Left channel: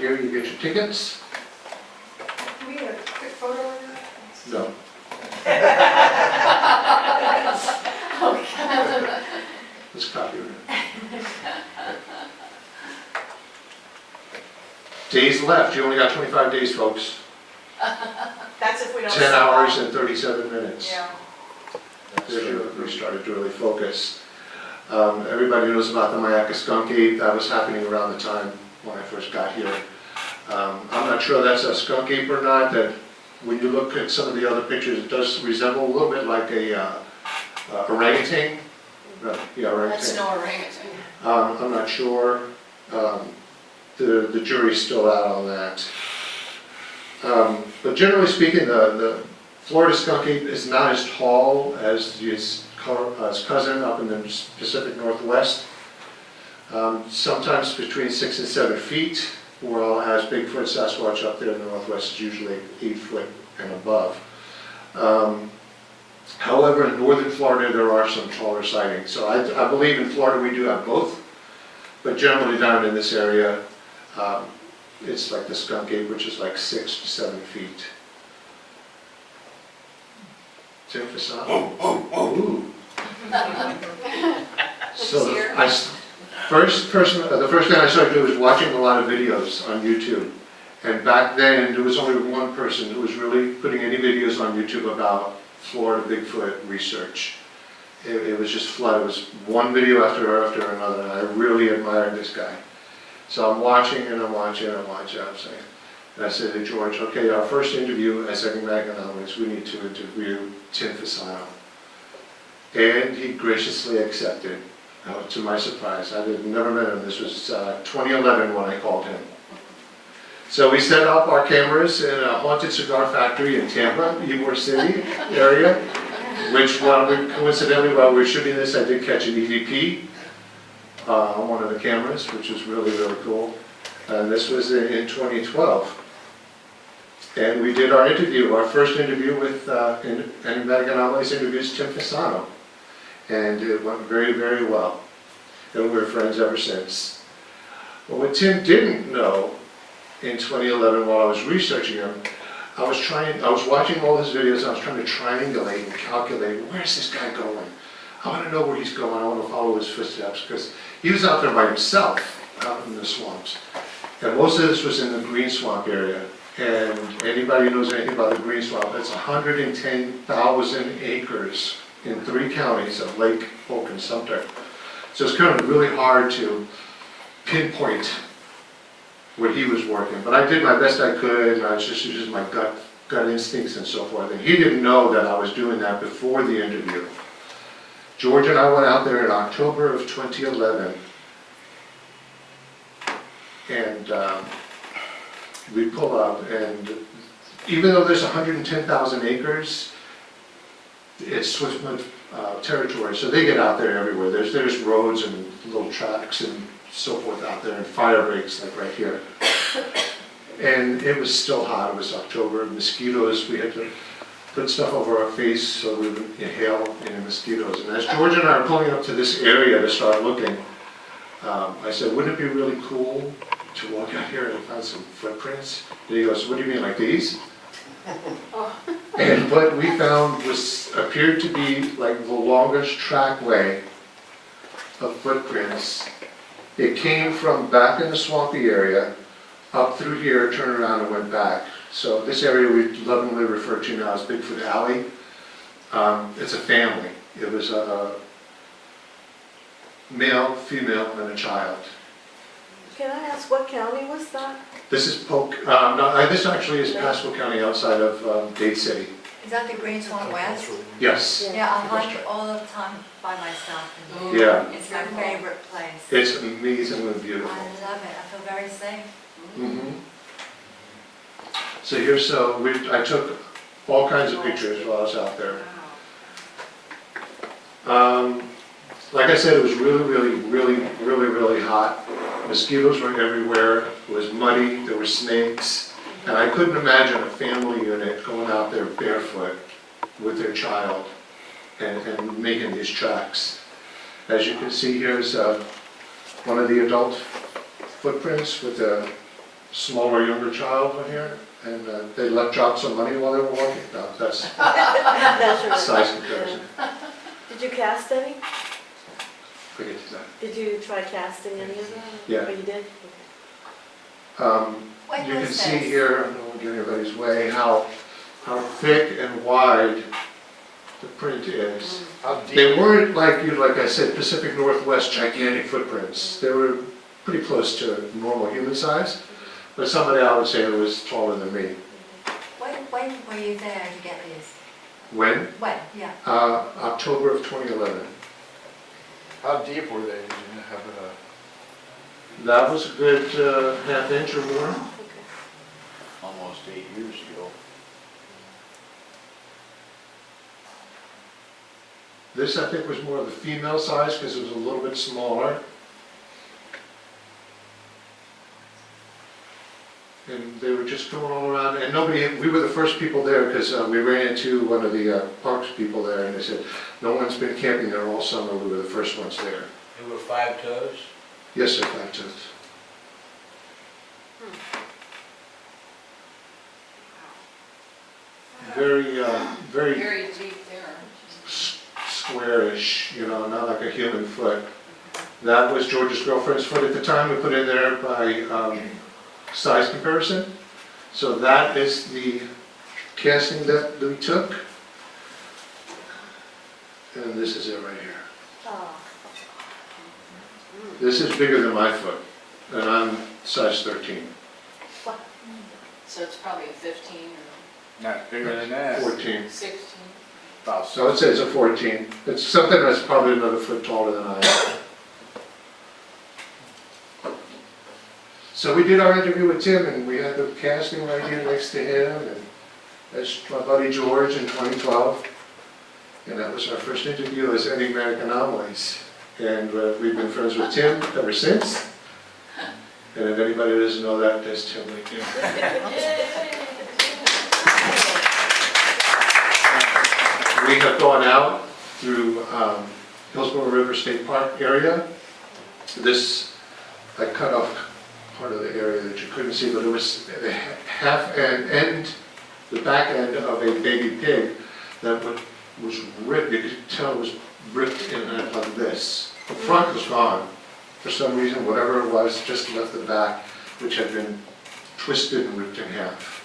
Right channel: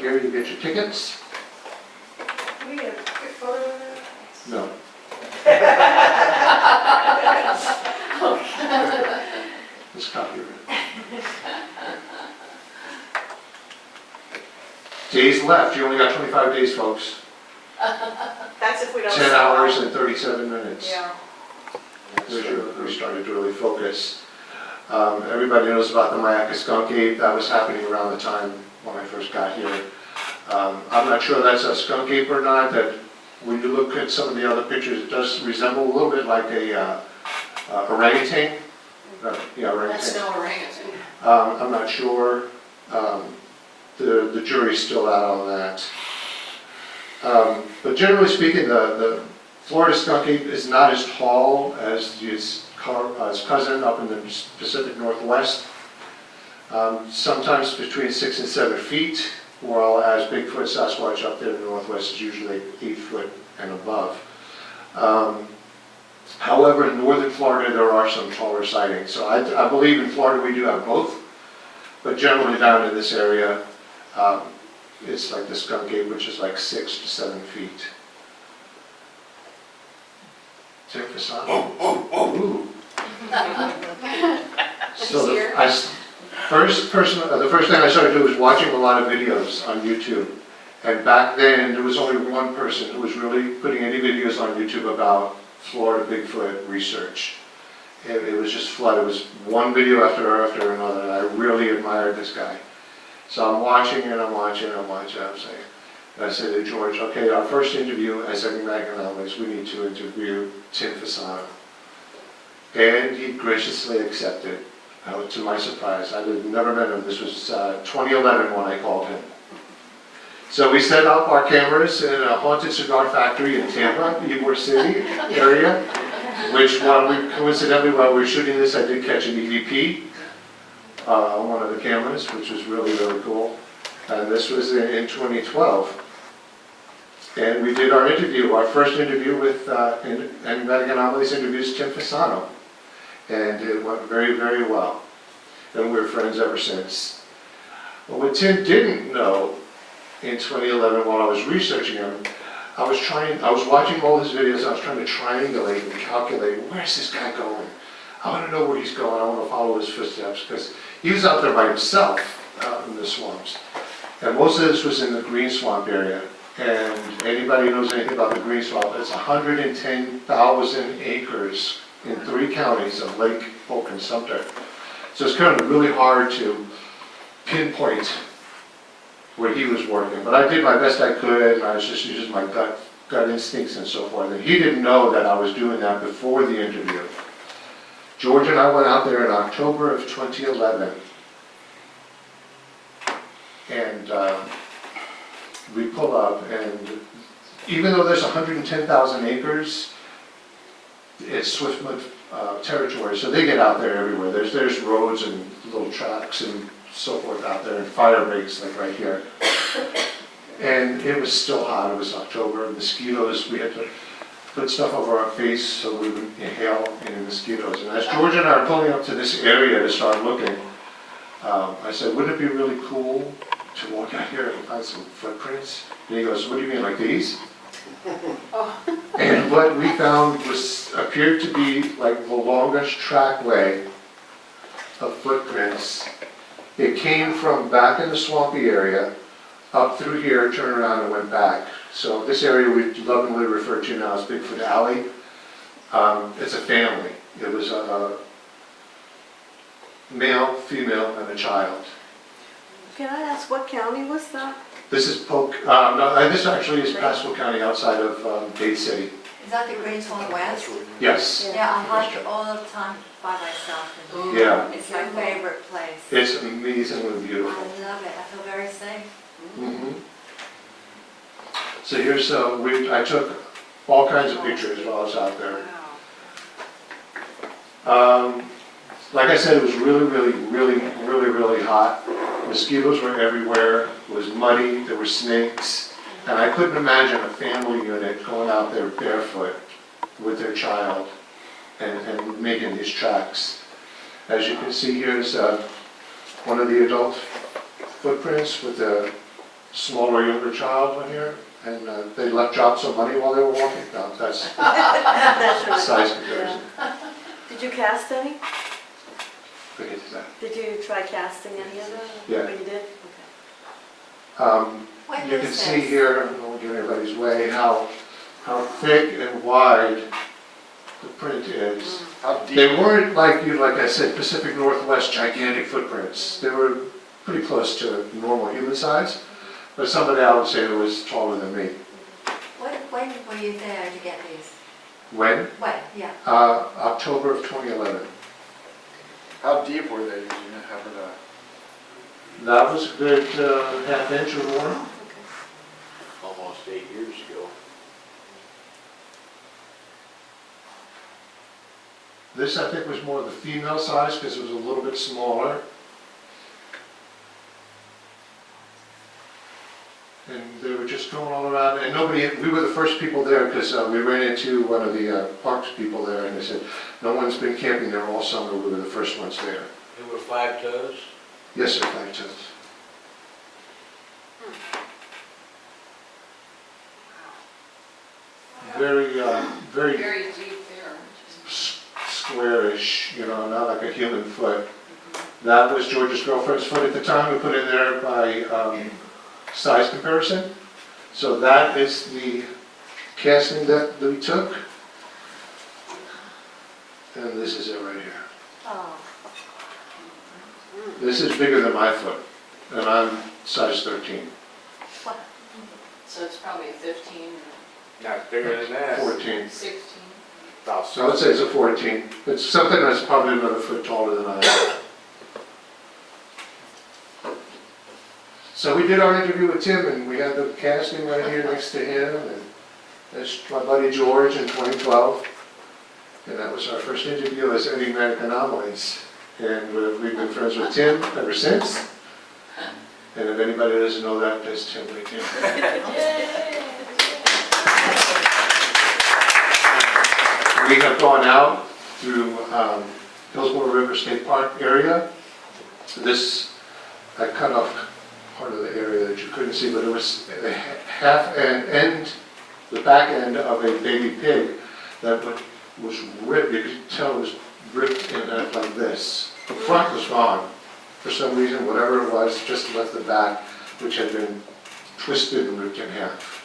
here you get your tickets. Can we get a quick photo of it? No. Okay. It's copyright. Days left, you only got 25 days, folks. That's if we don't. 10 hours and 37 minutes. Yeah. We started to really focus. Everybody knows about the Mayaca skunk ape. That was happening around the time when I first got here. I'm not sure that's a skunk ape or not. That when you look at some of the other pictures, it does resemble a little bit like a orangutan. Yeah, orangutan. That's no orangutan. I'm not sure. The jury's still out on that. But generally speaking, the Florida skunk ape is not as tall as his cousin up in the Pacific Northwest. Sometimes between 6 and 7 feet, whereas Bigfoot, Sasquatch up there in the Northwest is usually 8 foot and above. However, in northern Florida there are some taller sightings. So I believe in Florida we do have both, but generally down in this area, it's like the skunk ape, which is like 6 to 7 feet. Tim Fasano. Ooh. So the first thing I started doing was watching a lot of videos on YouTube. And back then, there was only one person who was really putting any videos on YouTube about Florida Bigfoot research. It was just flooded. It was one video after another, and I really admired this guy. So I'm watching and I'm watching and I'm watching. I'm saying, and I said to George, okay, our first interview as Enigmatic Anomalies, we need to interview Tim Fasano. And he graciously accepted, to my surprise. I had never met him. This was 2011 when I called him. So we set up our cameras in a haunted cigar factory in Tampa, Ybor City area, which coincidentally while we were shooting this, I did catch an EVP on one of the cameras, which was really, really cool. And this was in 2012. And we did our interview, our first interview with Enigmatic Anomalies introduced Tim Fasano. And it went very, very well. And we're friends ever since. But what Tim didn't know in 2011 while I was researching him, I was watching all his videos, I was trying to triangulate and calculate, where's this guy going? I want to know where he's going, I want to follow his footsteps, because he was out there by himself, out in the swamps. And most of this was in the green swamp area. And anybody who knows anything about the green swamp, it's 110,000 acres in 3 counties of Lake, Polk, and Sumter. So it's kind of really hard to pinpoint where he was working. But I did my best I could, and I was just using my gut instincts and so forth. And he didn't know that I was doing that before the interview. George and I went out there in October of 2011. And we pull up, and even though there's 110,000 acres, it's Swiftfoot territory, so they get out there everywhere. There's roads and little tracks and so forth out there, and fire breaks like right here. And it was still hot. It was October. Mosquitoes. We had to put stuff over our face so we would inhale mosquitoes. And as George and I are pulling up to this area to start looking, I said, "Wouldn't it be really cool to walk out here and find some footprints?" And he goes, "What do you mean, like these?" And what we found appeared to be like the longest trackway of footprints. It came from back in the swampy area, up through here, turned around and went back. So this area we lovingly refer to now as Bigfoot Alley. It's a family. It was a male, female, and a child. Can I ask what county was that? This is Polk, no, this actually is Pasco County outside of Dade City. Is that the Green Swamp West? Yes. Yeah, I hunt all the time by myself. And Yeah. it's my favorite place. It's amazingly I beautiful. love it. I feel very safe. Mm-hmm. So here's, I took all kinds of pictures while I was out there. Like I said, it was really hot. Mosquitoes were everywhere. It was muddy. There were snakes. And I couldn't imagine a family unit going out there barefoot with their child and making these tracks. As you can see, here's one of the adult footprints with the smaller, younger child were here, and they dropped some money while they were walking. No, that's That's right. size comparison. Did you cast any? Forget that. Did you try casting any of them? Yeah. Or you did? When You can was see this? here, I don't want to get anybody's way, how thick and wide the print is. How deep? They weren't like I said, Pacific Northwest gigantic footprints. They were pretty close to normal human size, but somebody I would say who was taller than me. When were you there to get these? When? When, yeah. October of 2011. How deep were they? Did you have it? That was a good half inch or more. Almost 8 years ago. This, I think, was more of the female size because it was a little bit smaller. And they were just going all around, and we were the first people there because we ran into one of the parks people there, and they said, no one's been camping there all summer, we were the first ones there. There were 5 toes. Yes, sir, 5 toes. Very, Very deep there. squarish, not like a human foot. That was George's girlfriend's foot at the time. We put in there by size comparison. So that is the casting that we took. And this is it right here. Oh. This is bigger than my foot, and I'm size 13, So it's probably a 15 Not bigger than that. 14. or 16. About So I would say it's a 14. It's something that's probably another foot taller than I am. So we did our interview with Tim, and we had the casting right here next to him, and that's my buddy George in 2012. And that was our first interview as Enigmatic Anomalies. And we've been friends with Tim ever since. And if anybody doesn't know that, there's Tim right there. We have gone out through Hillsborough River State Park area. This, I cut off part of the area that you couldn't see, but it was half an end, the back end of a baby pig that was ripped. You could tell it was ripped in half like this. The front was gone. For some reason, whatever it was, just left the back, which had been twisted and ripped in half.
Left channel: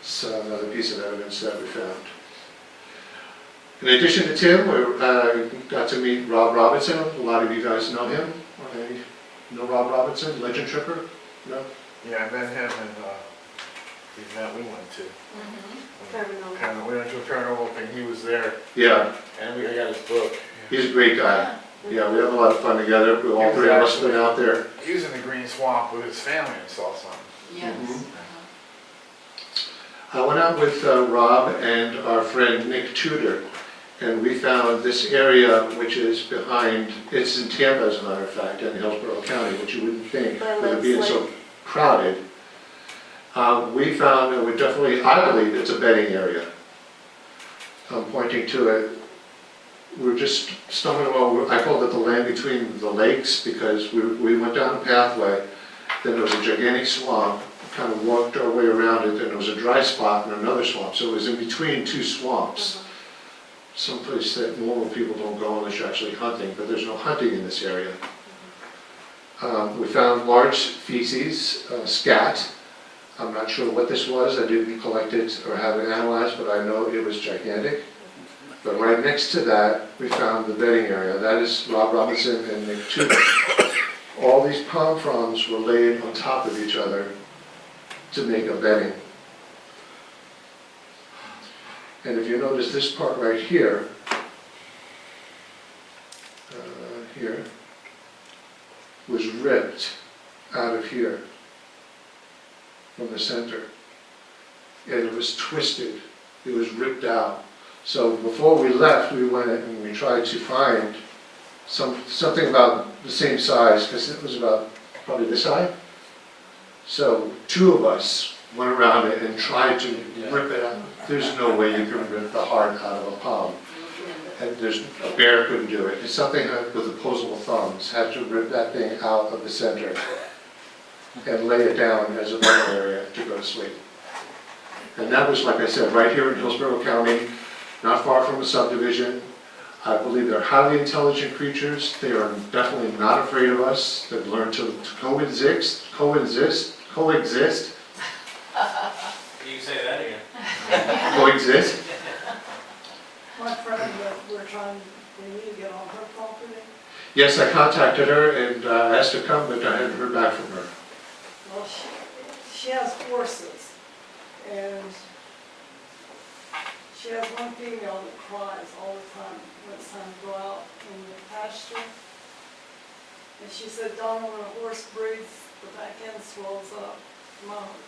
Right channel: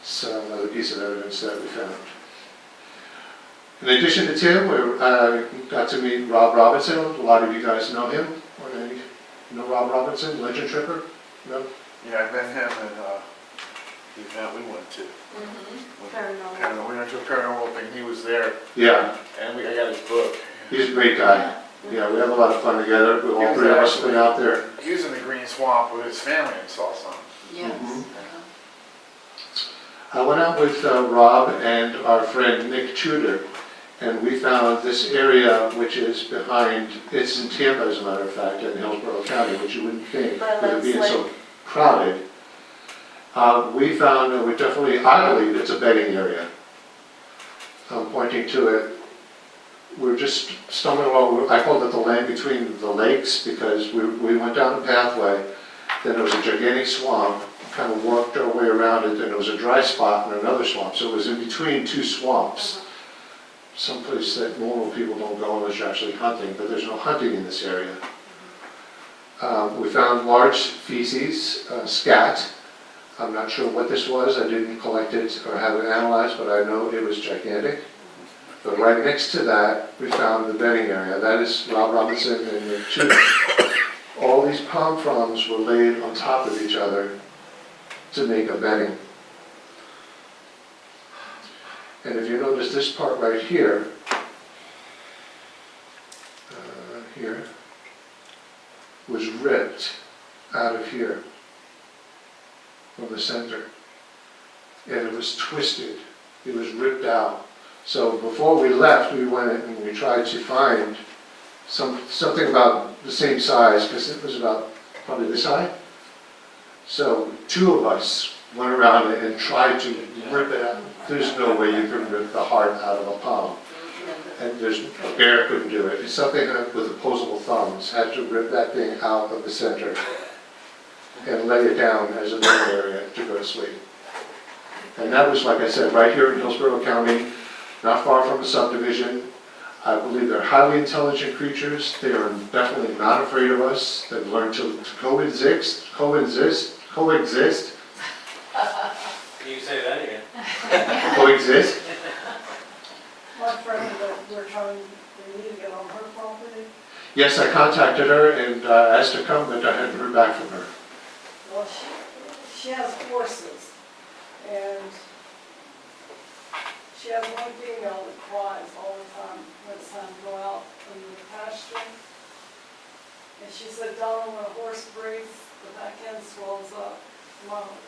It's another piece of evidence that we found. In addition to Tim, we got to meet Rob Robinson. A lot of you guys know him. Or maybe know Rob Robinson, legend tripper? No? Yeah, I met him in the event we went to. Paranormal. And we went to a paranormal thing, he was there, Yeah, and I got his book. he's a great guy. Yeah, we have a lot of fun together. All three of us have been out there. He was in the Green Swamp with his family and saw something. Yes. Mhm. I went out with Rob and our friend Nick Tudor, and we found this area which is behind, it's in Tampa as a matter of fact, in Hillsborough County, which you wouldn't think with it being so crowded. We found, and we definitely, I believe it's a bedding area. I'm pointing to it. We're just stumbling along, I called it the land between the lakes because we went down a pathway, then there was a gigantic swamp, kind of walked our way around it, and there was a dry spot and another swamp, so it was in between two swamps. Someplace that normal people don't go unless you're actually hunting, but there's no hunting in this area. We found large feces, scat. I'm not sure what this was, I didn't collect it or have it analyzed, but I know it was gigantic. But right next to that, we found the bedding area. That is Rob Robinson and the two. All these palm fronds were laid on top of each other to make a bedding. And if you notice this part right here, here, was ripped out of here from the center. And it was twisted, it was ripped out. So before we left, we went and we tried to find something about the same size, because it was about probably this high. So two of us went around it and tried to rip it out. There's no way you can rip the heart out of a palm. And a bear couldn't do it. It's something with opposable thumbs had to rip that thing out of the center. and lay it down as a normal area to go to sleep. And that was, like I said, right here in Hillsborough County, not far from a subdivision. I believe they're highly intelligent creatures. They are definitely not afraid of us. They've learned to coexist. Can you say that again? Coexist. My friend that we're trying, we need to get on her property. Yes, I contacted her and asked her to come, but I hadn't heard back from her. Well, she has horses, and she has one female that cries all the time when it's time to go out in the pasture. And she said, Donna, when a horse breathes, the back end swells up.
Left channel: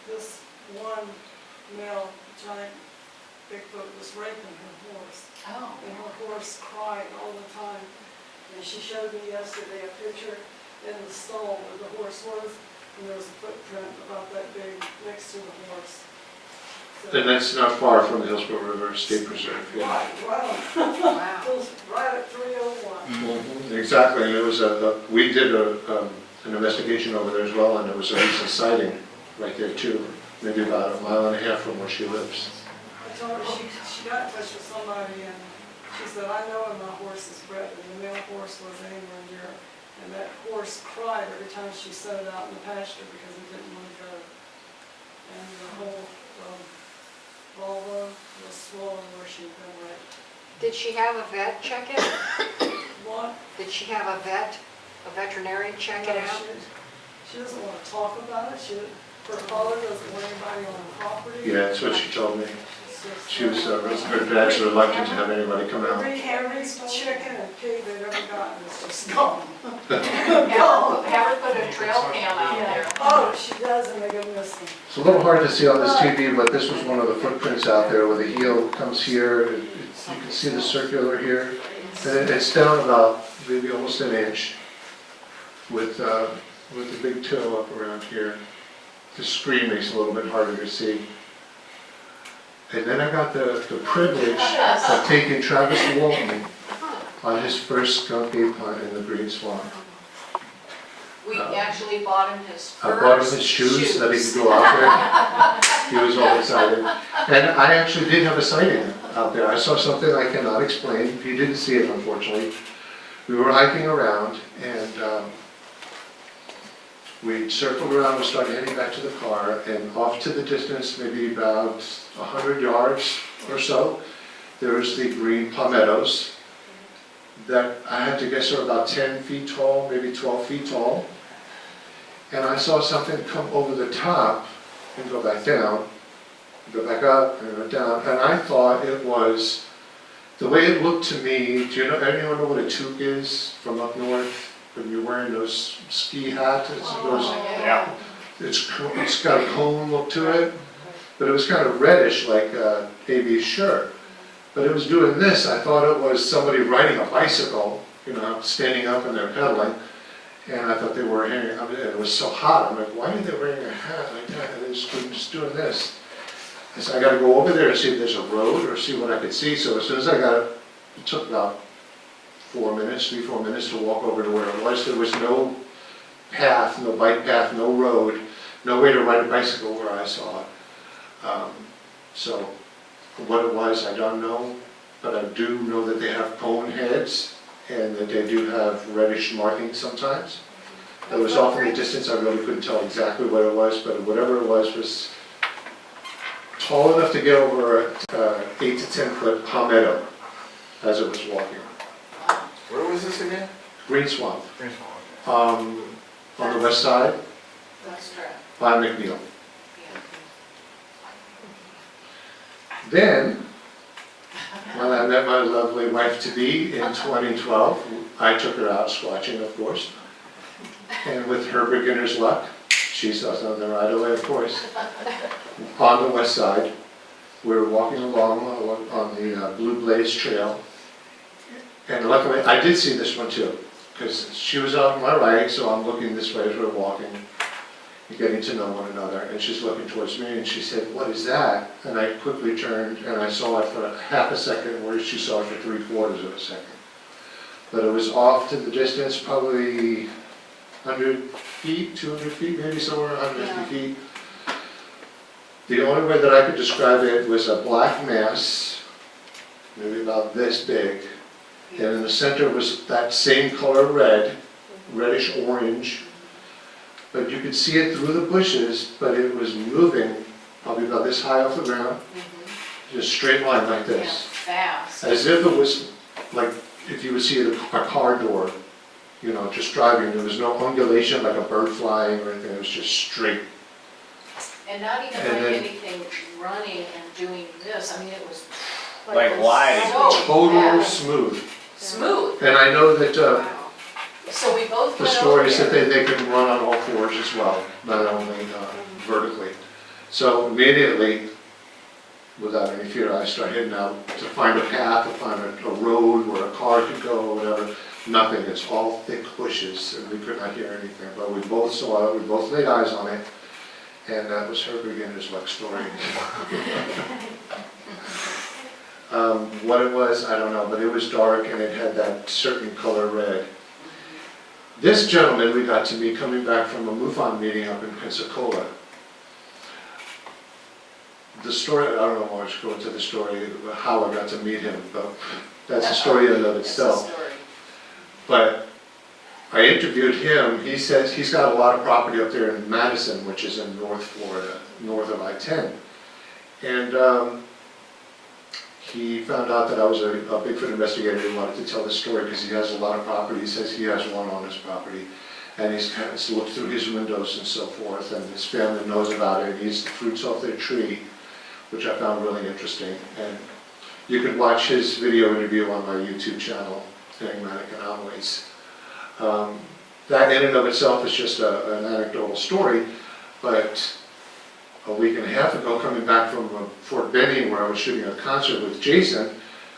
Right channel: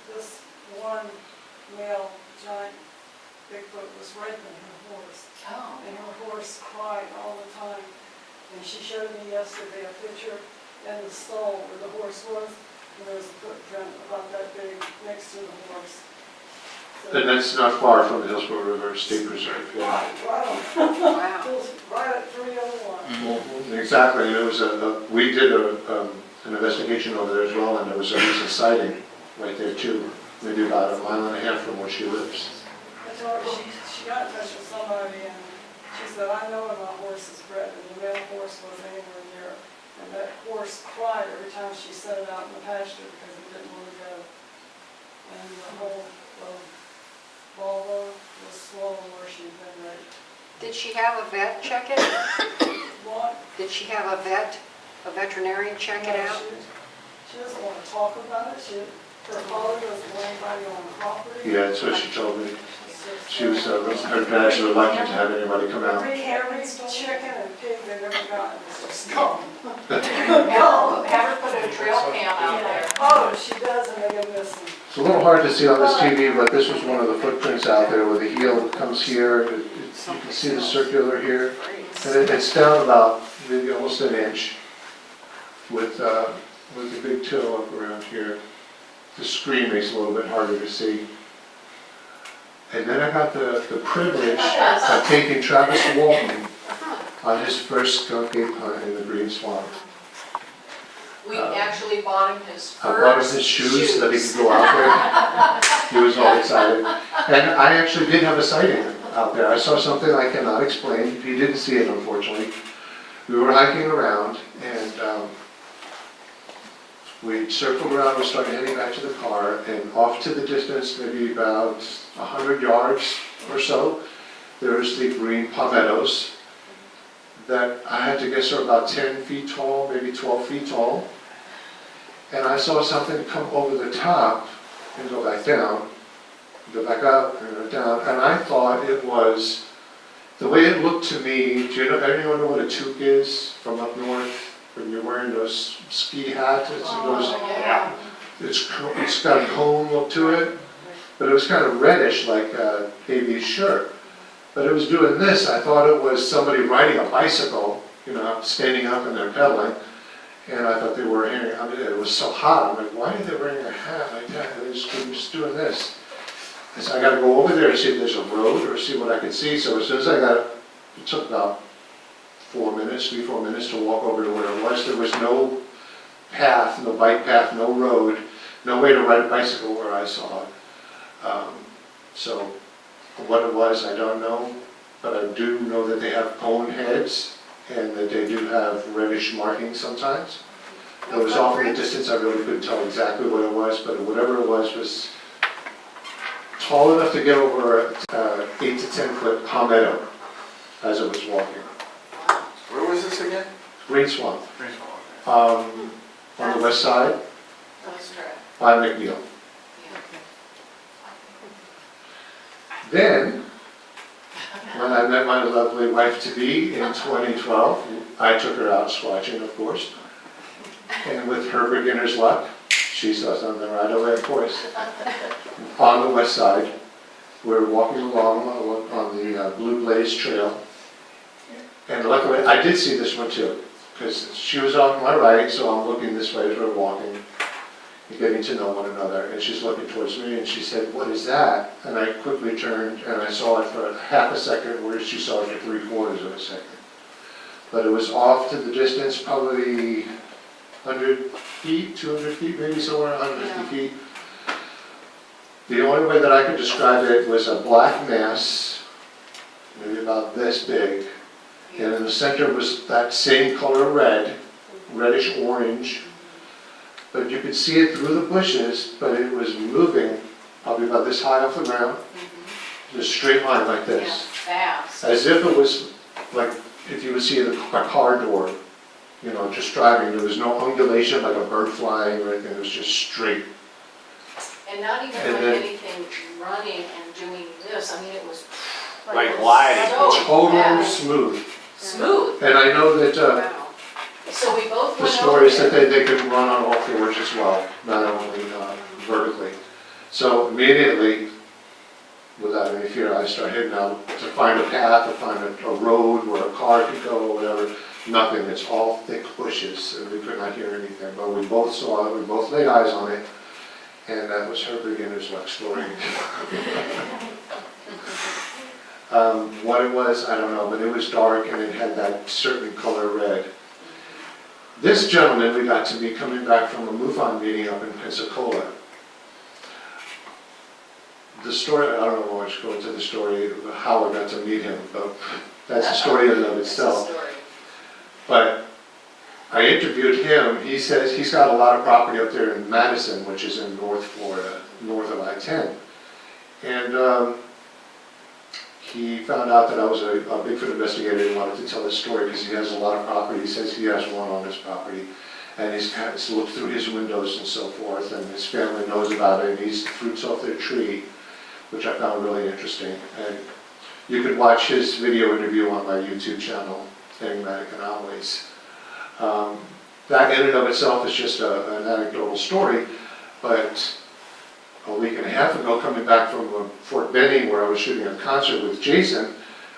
This one male giant Bigfoot was raping her horse. Oh. And her horse cried all the time. And she showed me yesterday a picture in the stall where the horse was, and there was a footprint about that big next to the horse. So, And that's not far from the Hillsborough River State Preserve, yeah. right Wow. at 301. Exactly, and it was we did an investigation over there as well, and there was a recent sighting right there too, maybe about 1.5 miles from where she lives. I told her she got in touch with somebody, and she said, I know where my horse is bred, and the male horse was anywhere near, and that horse cried every time she set it out in the pasture because it didn't want to go. And the whole vulva was swollen where she'd been raped. Did she have a vet check it? What? Did she have a veterinarian check No, it out? she doesn't want to talk about it. Her father doesn't want anybody on the property. Yeah, that's what she told me. She's just, She was, her dad's reluctant to have anybody come out. every chicken and pig they've ever gotten is just gone. Have her put a trail cam out there. Oh, she does, and they go missing. It's a little hard to see on this TV, but this was one of the footprints out there where the heel comes here. You can see the circular here. And it's down about maybe almost an inch with a big toe up around here. The screen makes it a little bit harder to see. And then I got the privilege of taking Travis Walton on his first skunk ape hunt in the Green Swamp. We actually bought him his first I bought him his shoes so that he could go out there. He was all excited. And I actually did have a sighting out there. I saw something I cannot explain. You didn't see it, unfortunately. We were hiking around, and we circled around, we started heading back to the car, and off to the distance, maybe about 100 yards or so, there's the green palmettos that I had to guess are about 10 feet tall, maybe 12 feet tall. And I saw something come over the top and go back down, go back up and go down, and I thought it was, the way it looked to me, anyone know what a toque is from up north? When you're wearing those ski hats, Yeah. it's got a cone look to it, but it was kind of reddish like AB's shirt. But it was doing this, I thought it was somebody riding a bicycle, standing up and they're pedaling. And I thought they were wearing, it was so hot, I'm like, why are they wearing a hat like that? They just doing this. I said, I gotta go over there and see if there's a road or see what I could see. So as soon as it took about 4 minutes, 3-4 minutes to walk over to where it was. There was no path, no bike path, no road, no way to ride a bicycle where I saw it. So what it was, I don't know, but I do know that they have cone heads and that they do have reddish markings sometimes. It was off in the distance, I really couldn't tell exactly what it was, but whatever it was tall enough to get over 8 to 10 foot palmetto as it was walking. Where was this again? Green Swamp, Green Swamp. on the west side Let's try it. by McNeil. Then, when I met my lovely wife-to-be in 2012, I took her out squatching, of course. And with her beginner's luck, she saw something right away, of course. On the west side, we were walking along on the Blue Blaze Trail. And luckily, I did see this one too, because she was on my right, so I'm looking this way as we're walking, getting to know one another, and she's looking towards me, and she said, "What is that?" And I quickly turned, and I saw it for half a second, where she saw it for 3/4 of a second. But it was off to the distance, probably 100 feet, 200 feet, maybe somewhere 150 feet. The only way that I could describe it was a black mass, maybe about this big, and in the center was that same color red, reddish orange. But you could see it through the bushes, but it was moving probably about this high off the ground, in a straight line like this. Fast. As if it was like, if you would see a car door, you know, just driving, there was no undulation like a bird flying or anything, it was just straight. And not even And like then- anything running and doing this, I mean, it was. Like it was gliding. so Total fast. smooth. Smooth. And I know that So we both the went story over is that there. they can run on all fours as well, not only vertically. So immediately, without any fear, I started heading out to find a path, to find a road where a car could go or whatever. Nothing, it's all thick bushes and we could not hear anything. But we both saw it, we both laid eyes on it, and that was her beginner's luck story. What it was, I don't know, but it was dark and it had that certain color red. This gentleman we got to meet coming back from a MUFON meeting up in Pensacola. The story, I don't know much go into the story, how I got to meet him, but that's a story in and of It's a itself. story. But I interviewed him, he says he's got a lot of property up there in Madison, which is in North Florida, north of I-10. And he found out that I was a Bigfoot investigator and wanted to tell this story because he has a lot of property. He says he has one on his property. And he's kind of looked through his windows and so forth, and his family knows about it, and eats the fruits off their tree, which I found really interesting. And you could watch his video interview on my YouTube channel, Enigmatic Anomalies. That in and of itself is just an anecdotal story, but a week and a half ago, coming back from Fort Benning, where I was shooting a concert with Jason,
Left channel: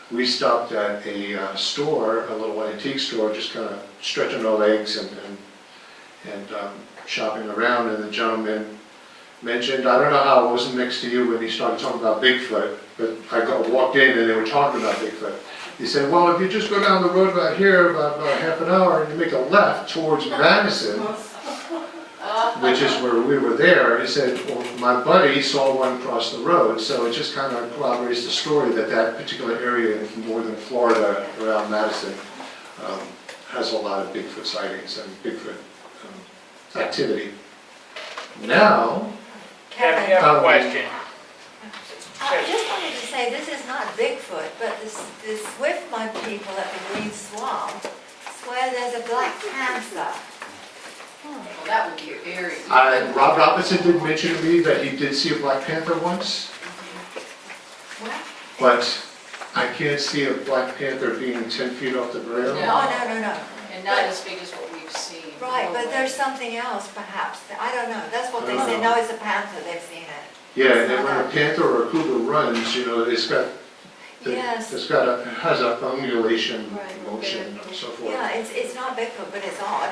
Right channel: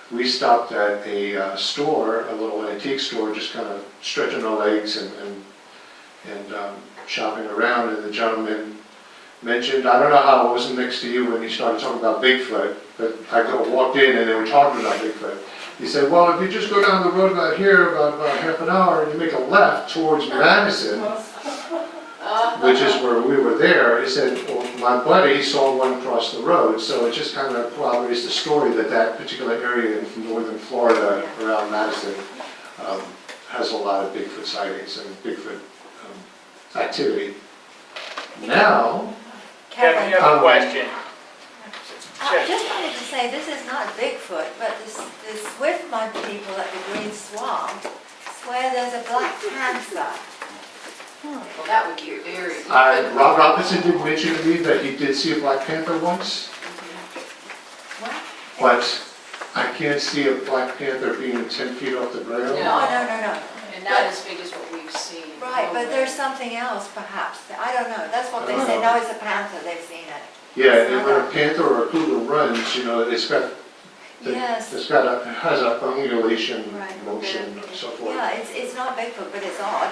we stopped at a store, a little antique store, just kind of stretching our legs and shopping around, and the gentleman mentioned, I don't know how I wasn't next to you when he started talking about Bigfoot, but I walked in and they were talking about Bigfoot. He said, well, if you just go down the road about here, about half an hour, and you make a left towards Madison, which is where we were there, he said, well, my buddy saw one cross the road, so it just kind of corroborates the story that that particular area in northern Florida around Madison has a lot of Bigfoot sightings and Bigfoot activity. Now, Kevin, Yeah, I have a question. I just wanted to say, this is not Bigfoot, but the Swiftmud people at the Green Swamp swear there's a black panther. Well, that would be very. Rob Robinson did mention to me that he did see a Black Panther once, What? but I can't see a Black Panther being 10 feet off the ground. No. No. And not as big as what we've seen. Right, but there's something else perhaps. I don't know. That's what they say. No, it's a panther. They've seen it. Yeah, and when a panther or a cougar runs, you know, it's got, Yes. has a undulation Right. motion and so forth. Yeah, it's not Bigfoot, but it's odd.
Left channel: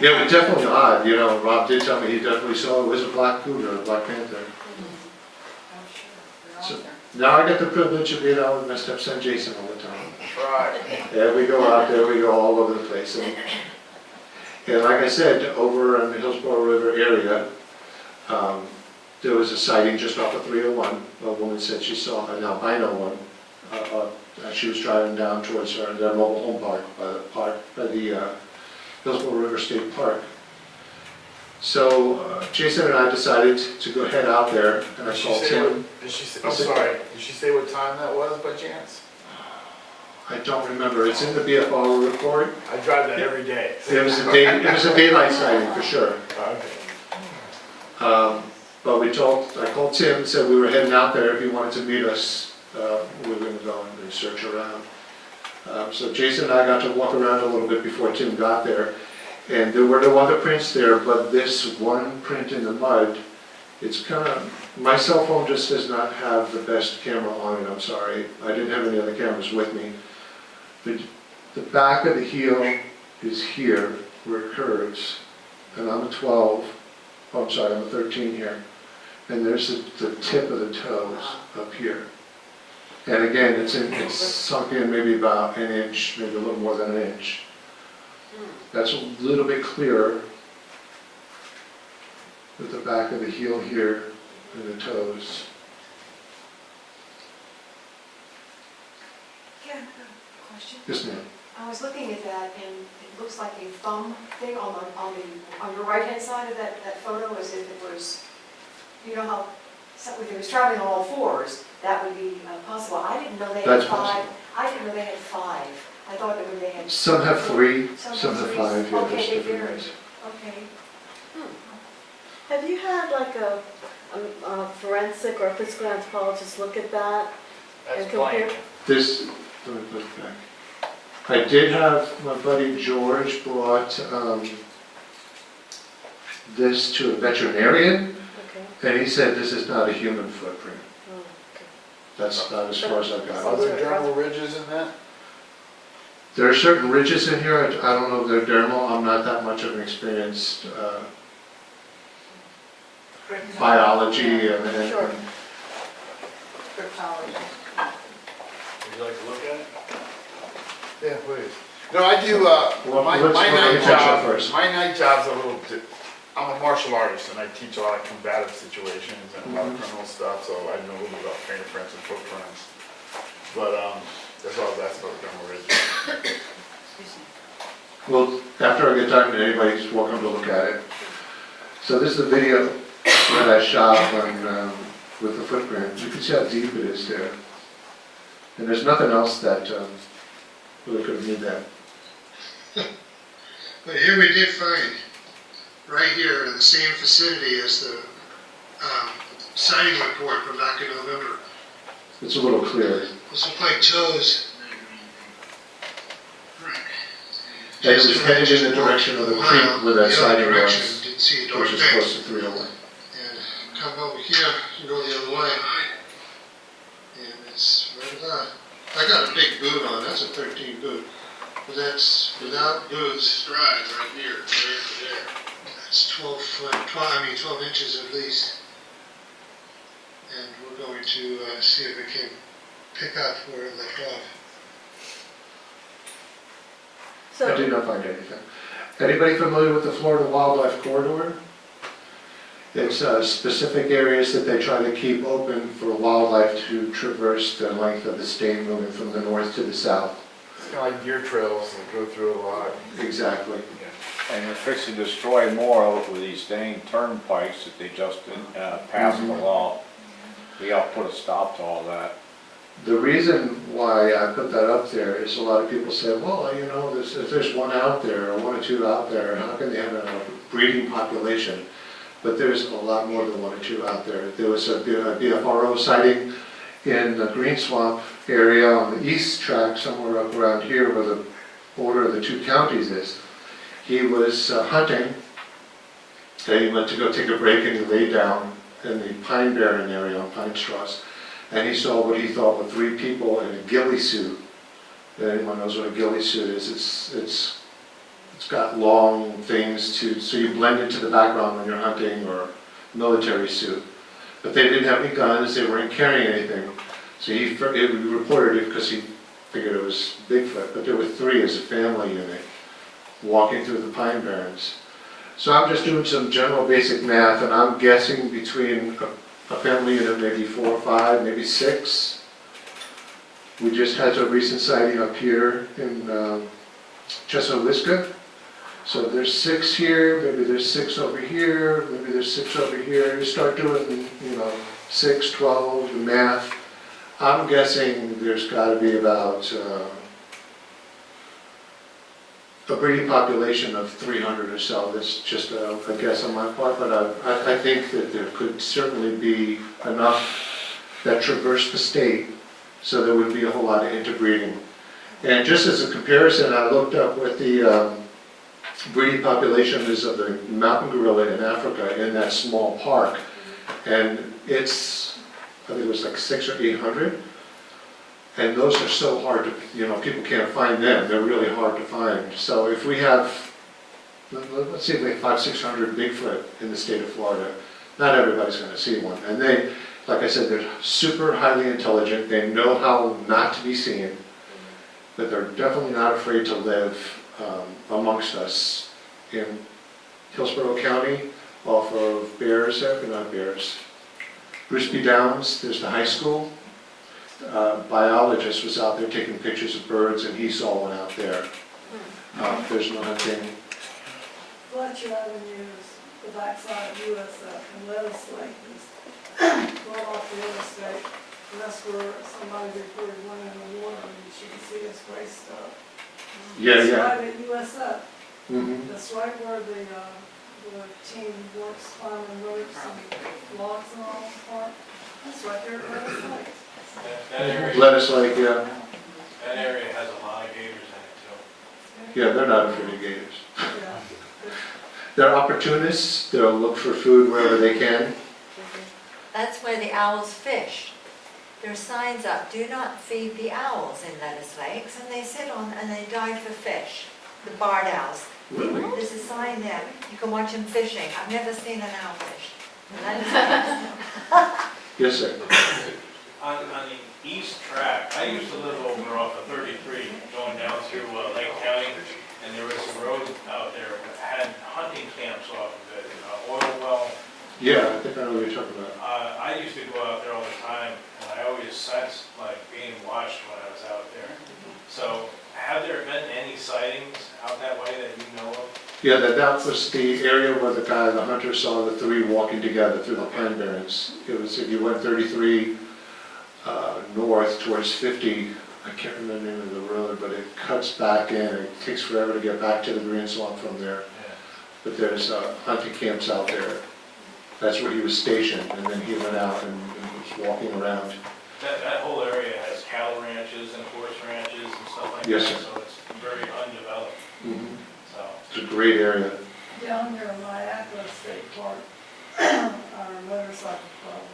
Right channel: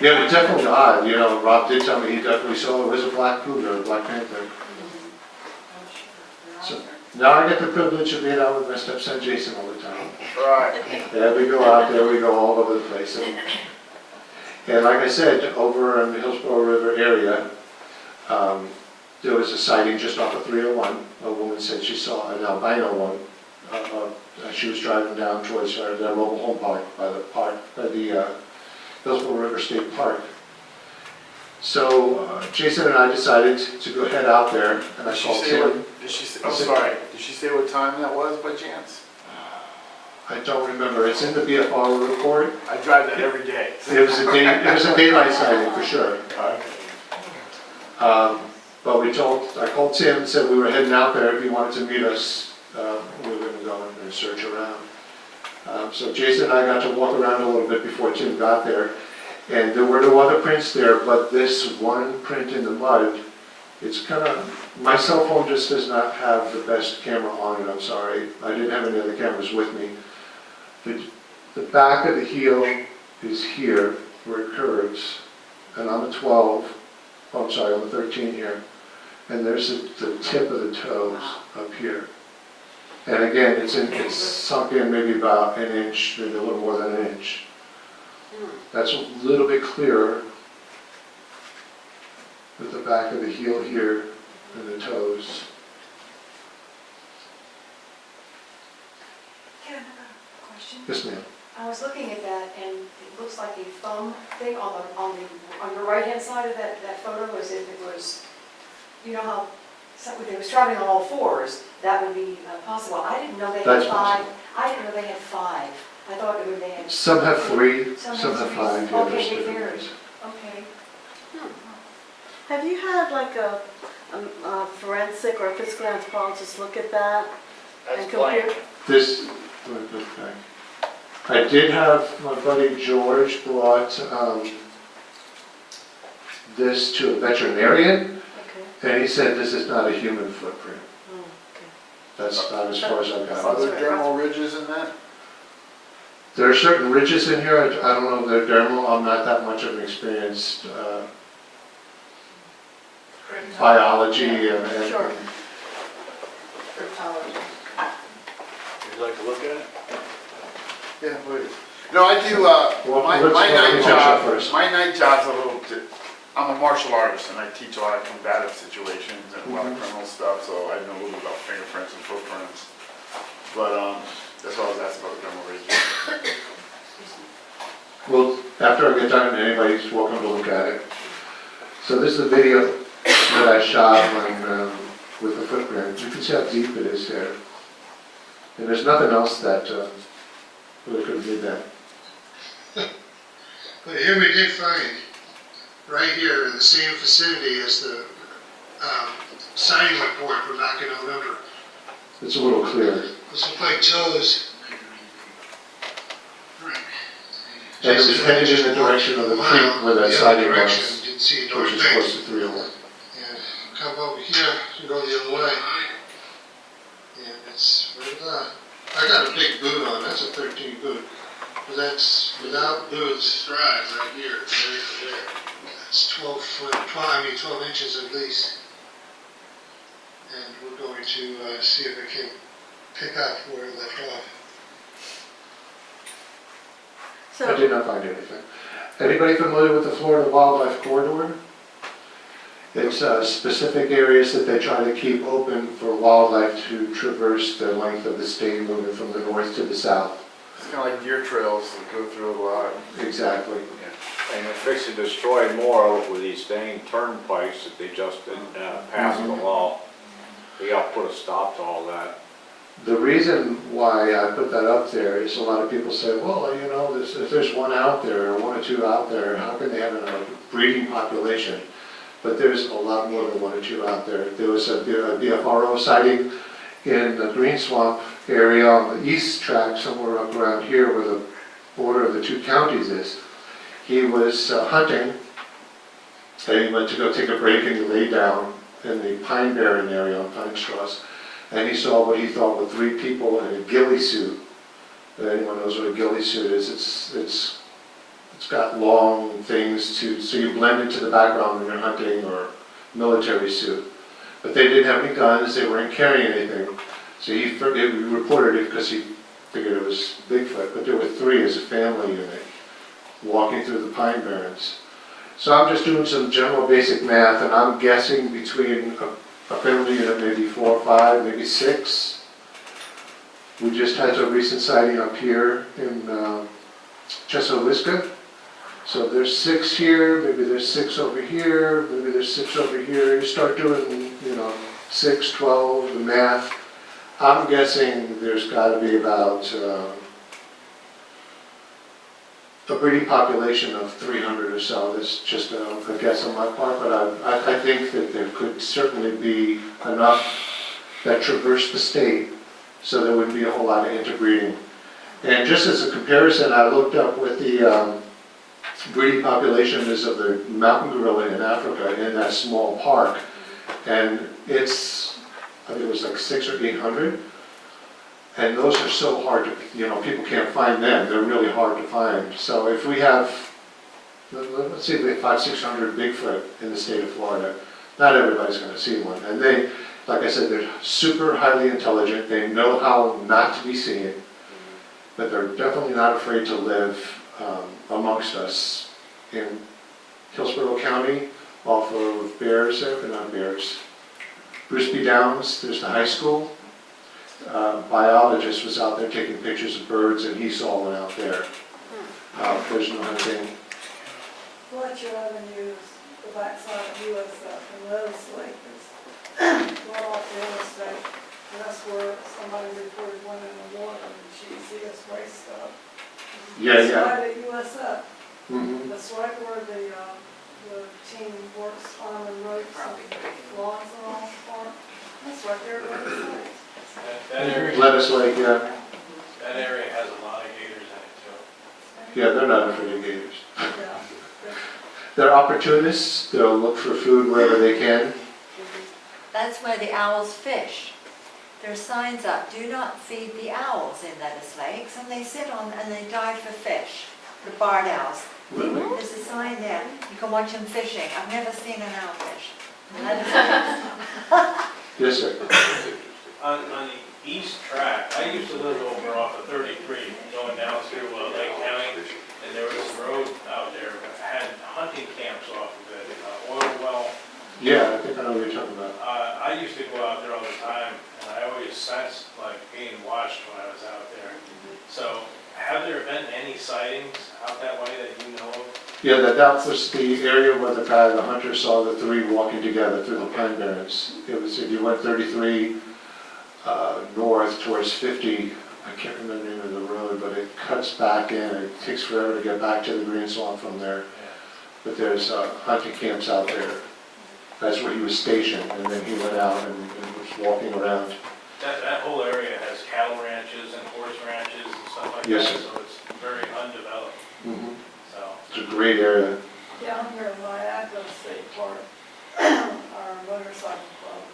Yeah, but definitely odd, you know, Rob did tell me he definitely saw it was a black cougar, a black panther. So now I get the privilege of being out with my stepson Jason all the time. Right. There we go out, there we go, all over the place. And like I said, over in the Hillsborough River area, there was a sighting just off of 301. A woman said she saw an albino one. She was driving down towards their mobile home park by the Hillsborough River State Park. So Jason and I decided to go head out there, and I called Tim. I'm sorry, did she say what time that was by chance? I don't remember, it's in the BFR report. I drive that every day. It was a daylight sighting for sure. Okay. But I called Tim and said we were heading out there if he wanted to meet us. We were going to go and search around. So Jason and I got to walk around a little bit before Tim got there. And there were no other prints there, but this one print in the mud, it's kind of, my cell phone just does not have the best camera on it, I'm sorry. I didn't have any other cameras with me. The back of the heel is here, where it curves. And I'm a 12, oh, I'm sorry, I'm a 13 here. And there's the tip of the toes up here. And again, it's sunk in maybe about an inch, maybe a little more than an inch. That's a little bit clearer with the back of the heel here and the toes. Ken, a question. Yes, ma'am. I was looking at that, and it looks like a thumb thing on your right-hand side of that photo, as if it was, you know how, if it was traveling on all fours, that would be possible. I didn't know they had That's five. possible. I didn't know they had five. I thought they had. Some have 3, Some some have have three. 5, yeah, Okay, there's they different vary. ways. Okay. Have you had like a forensic or physical anthropologist look at that? That's And compare- blank. This, let me put it back. I did have my buddy George brought this to a veterinarian, Okay. and he said this is not a human footprint. Mm, okay. That's not as far as I got. Are there dermal ridges in that? There are certain ridges in here, I don't know if they're dermal, I'm not that much of an experienced biology and Sure. Cryptology. Would you like to look at it? Yeah, please. No, I do, Well, my let's- my let me night finish up job, first. my night job's a little, I'm a martial artist and I teach a lot of combative situations and a lot of criminal stuff, so I know a little bit about fingerprints and footprints. But, that's all that's about dermal ridges. Well, after I get done, anybody's welcome to look at it. So this is a video that I shot when, with the footprint. You can see how deep it is there. And there's nothing else that really could have made that. But here we did find, right here in the same vicinity as the sighting report from back in November. It's a little clearer. This looked like toes. Right. And it was headed in the direction of the creek where that sighting was, Didn't see a darn which is thing. close to 301. And come over here, you go the other way. And it's right about, I got a big boot on, that's a 13 boot. But that's without boots, stride right here, right there. That's 12 inches at least. And we're going to see if we can pick up where it left off. I So, did not find anything. Anybody familiar with the Florida Wildlife Corridor? It's specific areas that they try to keep open for wildlife to traverse the length of the state, moving from the north to the south. It's kind of like deer trails that go through a lot. Exactly. And they're fixing to destroy more with these dang turnpikes that they just passed the law. They gotta put a stop to all that. The reason why I put that up there is a lot of people say, well, you know, if there's one out there, or 1 or 2 out there, how can they have a breeding population? But there's a lot more than 1 or 2 out there. There was a BFRO sighting in the Green Swamp area on the east track, somewhere up around here where the border of the 2 counties is. He was hunting, and he went to go take a break, and he lay down in the pine barren area on pine straws, and he saw what he thought were 3 people in a ghillie suit. And anyone knows what a ghillie suit is, it's got long things so you blend into the background when you're hunting, or military suit. But they didn't have any guns, they weren't carrying anything. So he reported it because he figured it was Bigfoot, but there were 3 as a family unit walking through the pine barrens. So I'm just doing some general basic math, and I'm guessing between a family unit, maybe 4 or 5, maybe 6. We just had a recent sighting up here in Chesapeake. So there's 6 here, maybe there's 6 over here, maybe there's 6 over here. You start doing, 6, 12, the math. I'm guessing there's got to be about a breeding population of 300 or so. That's just a guess on my part, but I think that there could certainly be enough that traverse the state, so there would be a whole lot of interbreeding. And just as a comparison, I looked up what the breeding population is of the mountain gorilla in Africa in that small park, and it's, I think it was like 600 or 800. And those are so hard to, people can't find them. They're really hard to find. So if we have, let's see if we have 500, 600 Bigfoot in the state of Florida, not everybody's going to see one. And they, like I said, they're super highly intelligent. They know how not to be seen, but they're definitely not afraid to live amongst us. In Hillsborough County, off of Bears, not Bears, Bruce B. Downs, there's the high school. Biologist was out there taking pictures of birds, and he saw one out there. There's no hunting. Fletcher Avenue is the backside of USF, and Lettuce Lake is right off the interstate. And that's where somebody reported one in the water, and you can see his waist up. Yeah, That's yeah. right at USF. Mhm. That's right where the team works climbing ropes and logs and all the park. That's right there at Lettuce Lake. That area, Lettuce Lake, yeah. that area has a lot of gators in it too. Yeah, they're not afraid of gators. Yeah. They're opportunists, they'll look for food wherever they can. That's where the owls fish. There's signs up, do not feed the owls in Lettuce Lakes, and they sit on and they dive for fish, the barred owls. Really? There's a sign there, you can watch them fishing. I've never seen an owl fish. in Lettuce Lakes. Yes, sir. On the east track, I used to live over off of 33, going down through Lake County, and there was a road out there that had hunting camps off of it, oil well. Yeah, I think I know what you're talking about. I used to go out there all the time, and I always sensed like being watched when I was out there. So, have there been any sightings out that way that you know of? Yeah, that was the area where the hunter saw the three walking together through the pine barrens. It was, if you went 33 north towards 50, I can't remember the name of the road, but it cuts back in. It takes forever to get back to the green swamp from there. But there's hunting camps out there. That's where he was stationed, and then he went out and was walking around. That whole area has cattle ranches and horse ranches and stuff like Yes, that, sir. so it's very undeveloped, Mhm. so. It's a great area. Down here in Lakeland State Park, our motorcycle club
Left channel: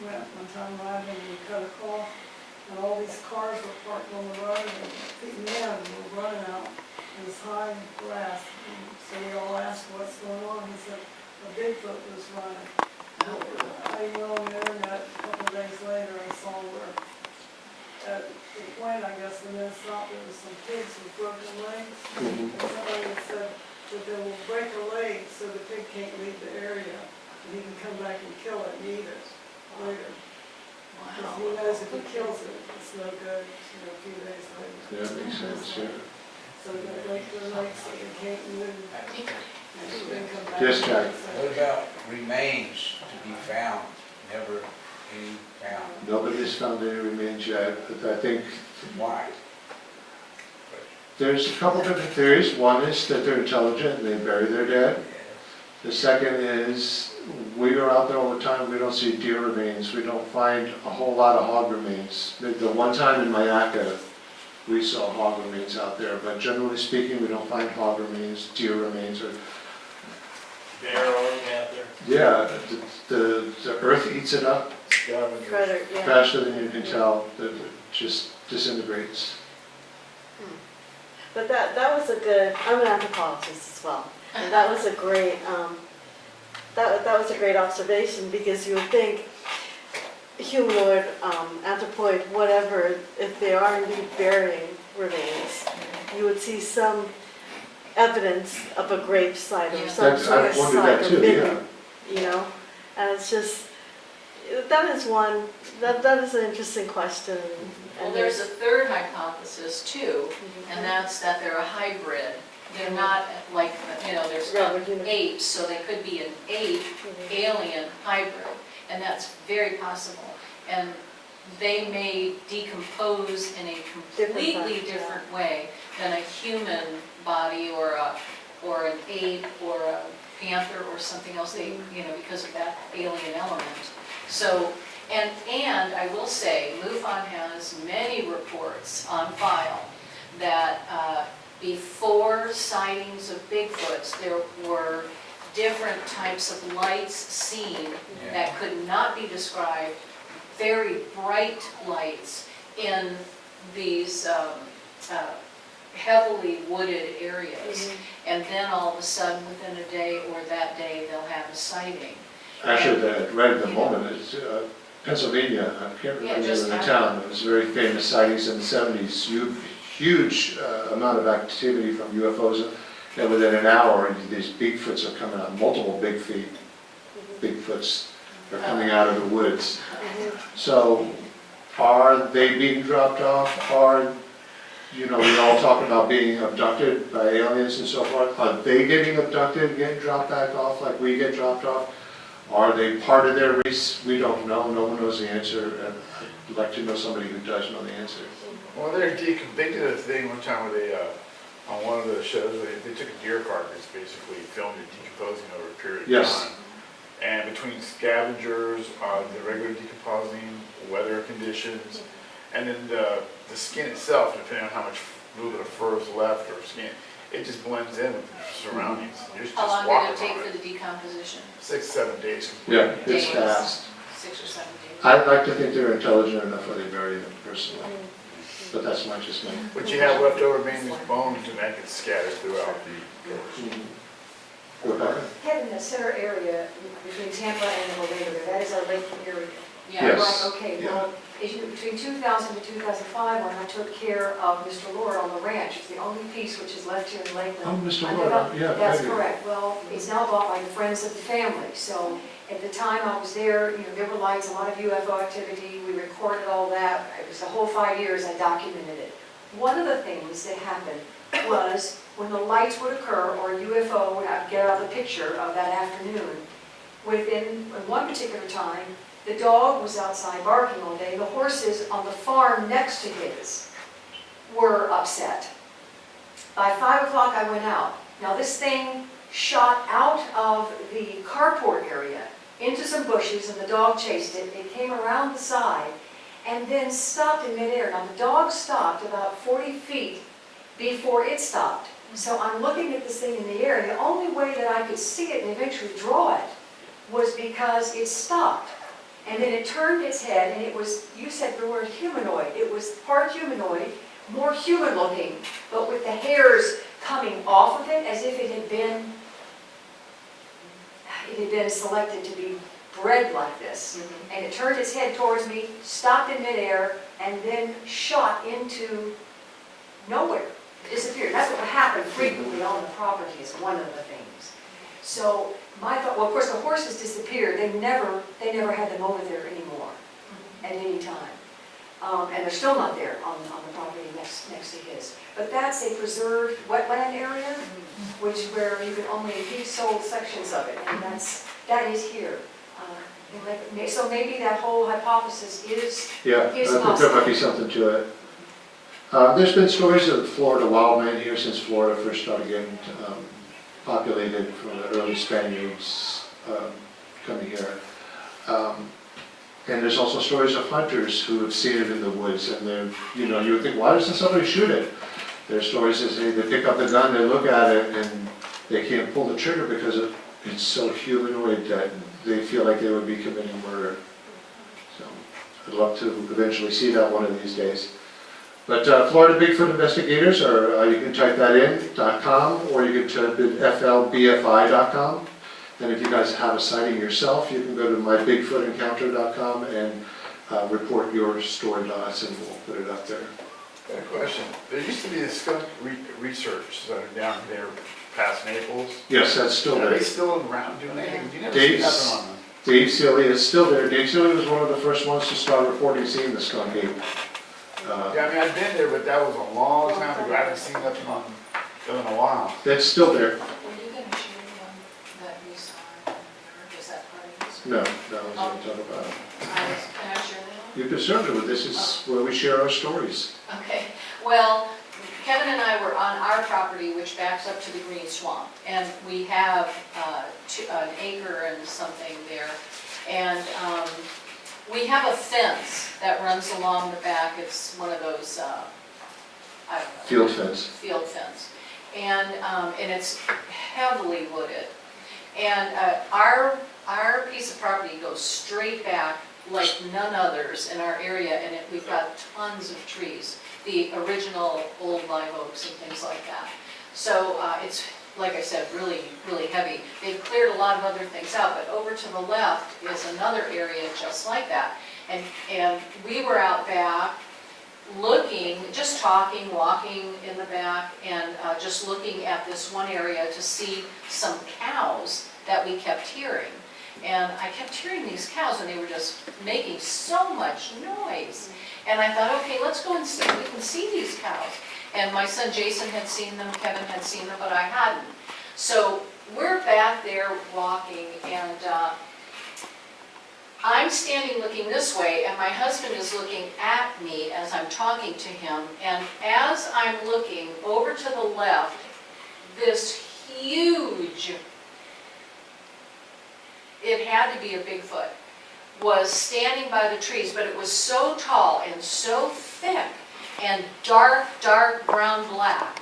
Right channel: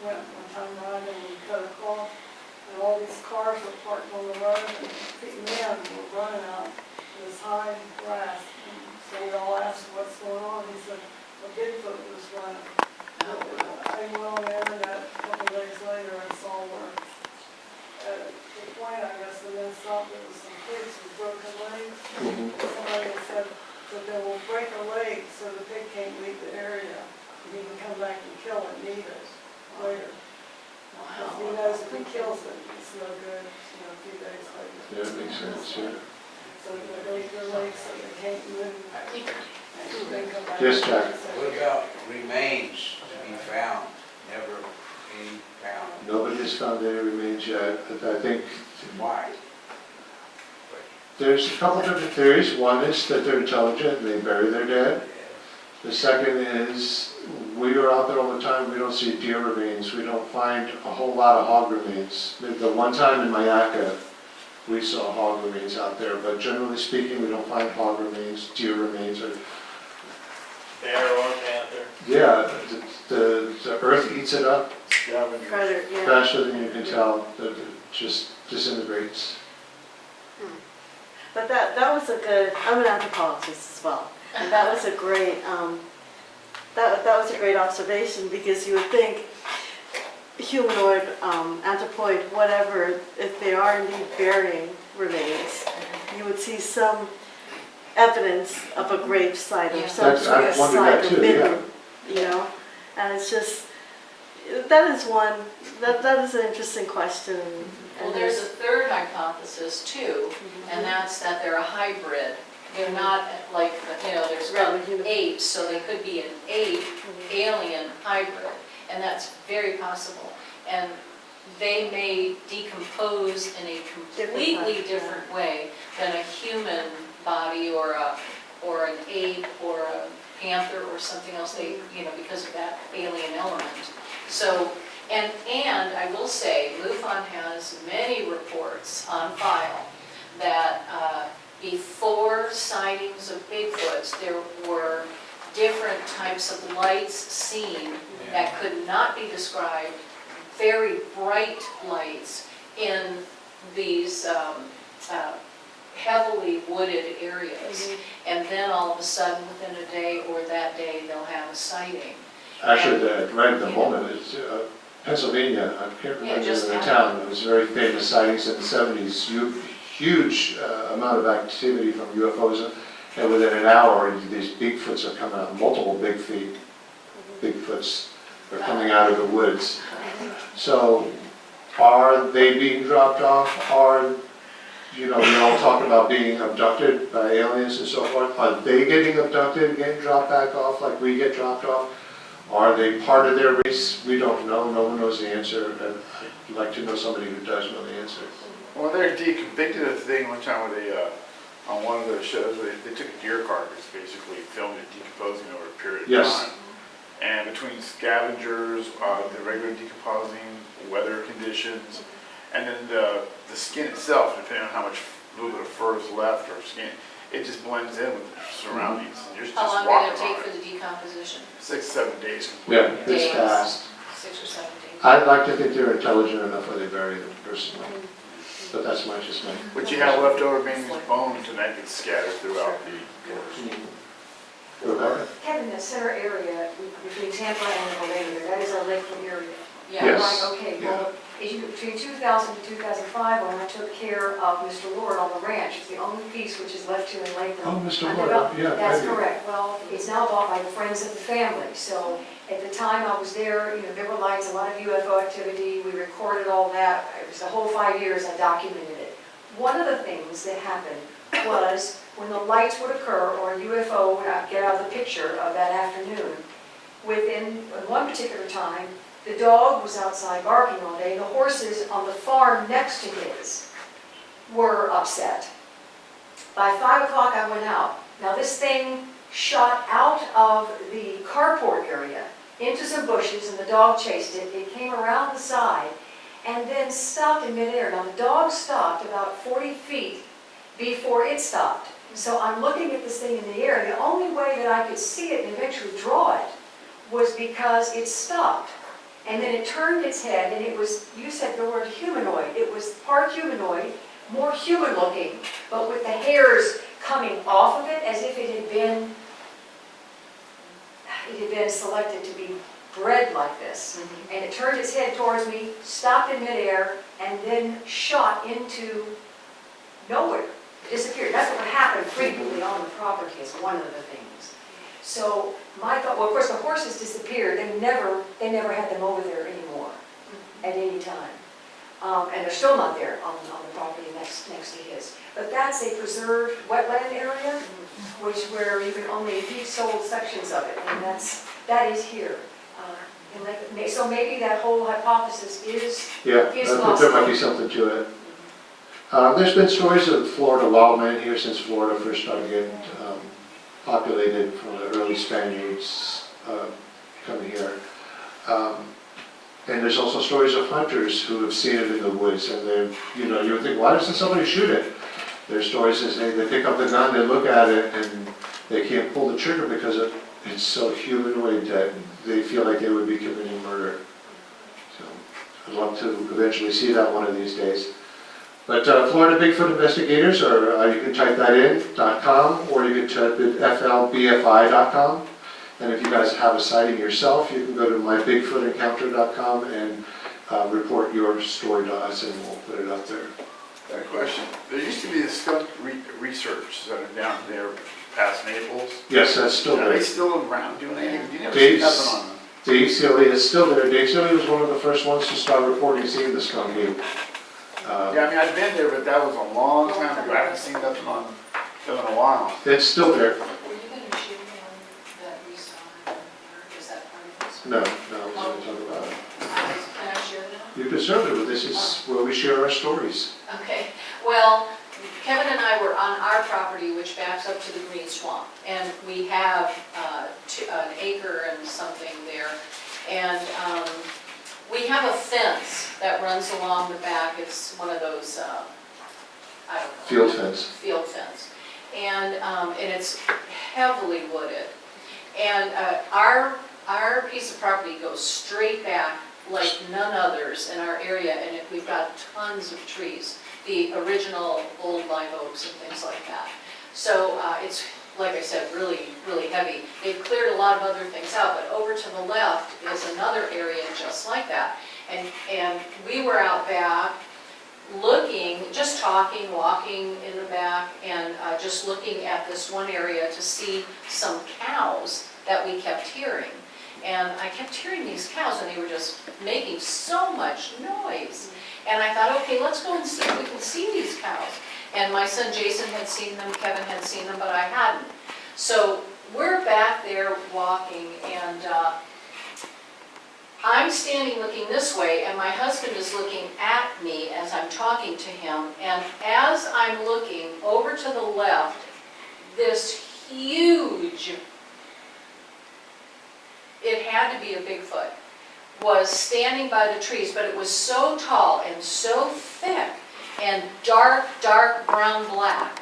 went one time riding and we cut across, and all these cars were parked on the road, and men were running out this high grass. And so we all asked, what's going on? He said, a Bigfoot was running. I went on the internet a couple of days later and saw where, at the point, I guess, the men stopped, there was some pigs with broken legs. And somebody had said that they will break a leg so the pig can't leave the area, and he can come back and kill it and eat it later. Because he knows if he kills it, it's no good, a few days later. Yeah, that makes sense, yeah. So they break their legs so they can't move, and then come back. Yes, Jack. What about remains to be found, never being found? Nobody has found any remains yet, but I think Why? there's a couple different theories. One is that they're intelligent and they bury their dead. The second is, we are out there all the time, we don't see deer remains, we don't find a whole lot of hog remains. The one time in Mayaca, we saw hog remains out there, but generally speaking, we don't find hog remains, deer remains, or, Bear or panther? yeah, the earth eats it up Further, yeah. faster than you can tell, it just disintegrates. But that was a good, I'm an anthropologist as well, and that was a great, that was a great observation, because you would think humanoid, anthropoid, whatever, if they are indeed burying remains, you would see some evidence of a grave site or some That's- sort I've of wondered that site, too, or and it's just, that is one, that is an interesting question. Well, there's a third hypothesis too, and that's that they're a hybrid. They're not like, there's Right, human. apes, so they could be an ape alien hybrid, and that's very possible. And they may decompose in a completely different way than a human body or an ape or a panther or something else, they, because of that alien element. So, and I will say, MUFON has many reports on file that before sightings of Bigfoots, there were different types of lights seen that could not be described, very bright lights in these heavily wooded areas. And then all of a sudden, within a day or that day, they'll have a sighting. Actually, right at the moment, it's Pennsylvania, I can't remember the name of the town, but it was very famous sightings in the 70s, huge amount of activity from UFOs, and within an hour, these Bigfoots are coming out, multiple Bigfoots are coming out of the woods. So are they being dropped off? Are, we all talk about being abducted by aliens and so forth. Are they getting abducted, getting dropped back off like we get dropped off? Are they part of their race? We don't know. No one knows the answer. And I'd like to know somebody who does know the answer. Well, they did a thing one time where they, on one of the shows, they took a deer carcass, basically filmed it decomposing over a period of Yes. time. And between scavengers, the regular decomposing, weather conditions, and then the skin itself, depending on how much little bit of fur is left or skin, it just blends in with the surroundings. You're just How long walking did it take on for the decomposition? 6-7 days. Yeah, it's Days. fast. 6 or 7 days? I'd like to think they're intelligent enough where they bury them personally. But that's just my. What you have left over being these bones, and that gets scattered throughout the forest. Rebecca? Kevin, that center area between Tampa and Orlando, that is our Lakeland area. Yes. Right, okay, well, between 2000 and 2005, when I took care of Mr. Lord on the ranch, it's the only piece which is left here in Lakeland. Oh, Mr. I Lord, developed- yeah. That's maybe. correct. Well, it's now bought by the friends of the family. So at the time I was there, there were lights, a lot of UFO activity. We recorded all that. It was the whole 5 years I documented it. One of the things that happened was when the lights would occur or a UFO would get out of the picture of that afternoon, within one particular time, the dog was outside barking all day. The horses on the farm next to his were upset. By 5 o'clock I went out. Now this thing shot out of the carport area into some bushes and the dog chased it. It came around the side and then stopped in midair. Now the dog stopped about 40 feet before it stopped. So I'm looking at this thing in the air. The only way that I could see it and eventually draw it was because it stopped. And then it turned its head, and it was, you said the word humanoid. It was part humanoid, more human looking, but with the hairs coming off of it as if it had been selected to be bred like this. And it turned its head towards me, stopped in midair, and then shot into nowhere. It disappeared. That's what would happen frequently on the property, is one of the things. So my thought, well, of course, the horses disappeared. They never had them over there anymore at any time. And they're still not there on the property next to his. But that's a preserved wetland area, where you can only, he sold sections of it, and that is here. So maybe that whole hypothesis is Yeah, I think there possible. might be something to it. There's been stories of Florida wild men here since Florida first started getting populated from the early Spaniards coming here. And there's also stories of hunters who have seen it in the woods, and they're, you would think, why doesn't somebody shoot it? There's stories that say they pick up the gun, they look at it, and they can't pull the trigger because it's so humanoid that they feel like they would be committing murder. So I'd love to eventually see that one of these days. But Florida Bigfoot Investigators, or you can type that in, .com, or you can type in flbfi.com. And if you guys have a sighting yourself, you can go to mybigfootencounter.com and report your story to us, and we'll put it up there. Got a question. There used to be a skunk research center down there past Naples. Yes, that's still Are there. they still around doing anything? You never Dave's- see nothing on them. Dave Sealy is still there. Dave Sealy was one of the first ones to start reporting seeing the skunk ape. Yeah, I mean, I've been there, but that was a long time ago. I haven't seen nothing on them in a while. It's still there. Were you going to share that you saw in your, is that part of this? No, I was going to talk about it. Can I share that? You can certainly, this is where we share our stories. Okay, well, Kevin and I were on our property, which backs up to the Green Swamp, and we have an acre and something there, and we have a fence that runs along the back. It's one of those, I don't know. Field fence. Field fence, and it's heavily wooded, and our piece of property goes straight back like none others in our area, and we've got tons of trees, the original old live oaks and things like that. So it's, like I said, really, really heavy. They've cleared a lot of other things out, but over to the left is another area just like that. And we were out back looking, just talking, walking in the back, and just looking at this one area to see some cows that we kept hearing. And I kept hearing these cows, and they were just making so much noise. And I thought, okay, let's go and see if we can see these cows. And my son Jason had seen them, Kevin had seen them, but I hadn't. So we're back there walking, and I'm standing looking this way, and my husband is looking at me as I'm talking to him. And as I'm looking over to the left, this huge, it had to be a Bigfoot, was standing by the trees, but it was so tall and so thick and dark, dark brown black.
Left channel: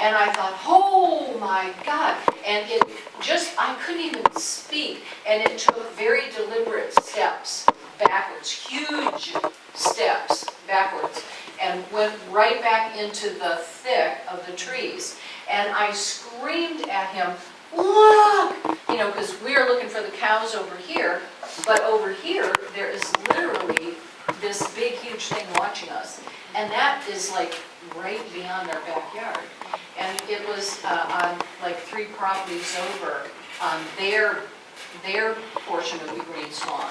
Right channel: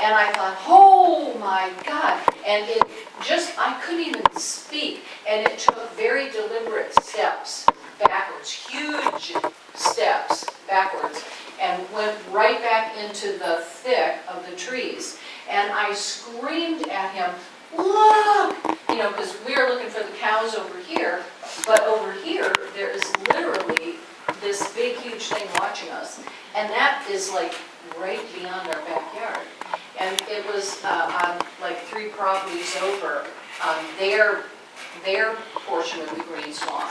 And I thought, oh my God. And it just, I couldn't even speak. And it took very deliberate steps backwards, huge steps backwards, and went right back into the thick of the trees. And I screamed at him, look! You know, because we are looking for the cows over here, but over here, there is literally this big, huge thing watching us. And that is like right beyond our backyard. And it was on like 3 properties over on their portion of the green swamp.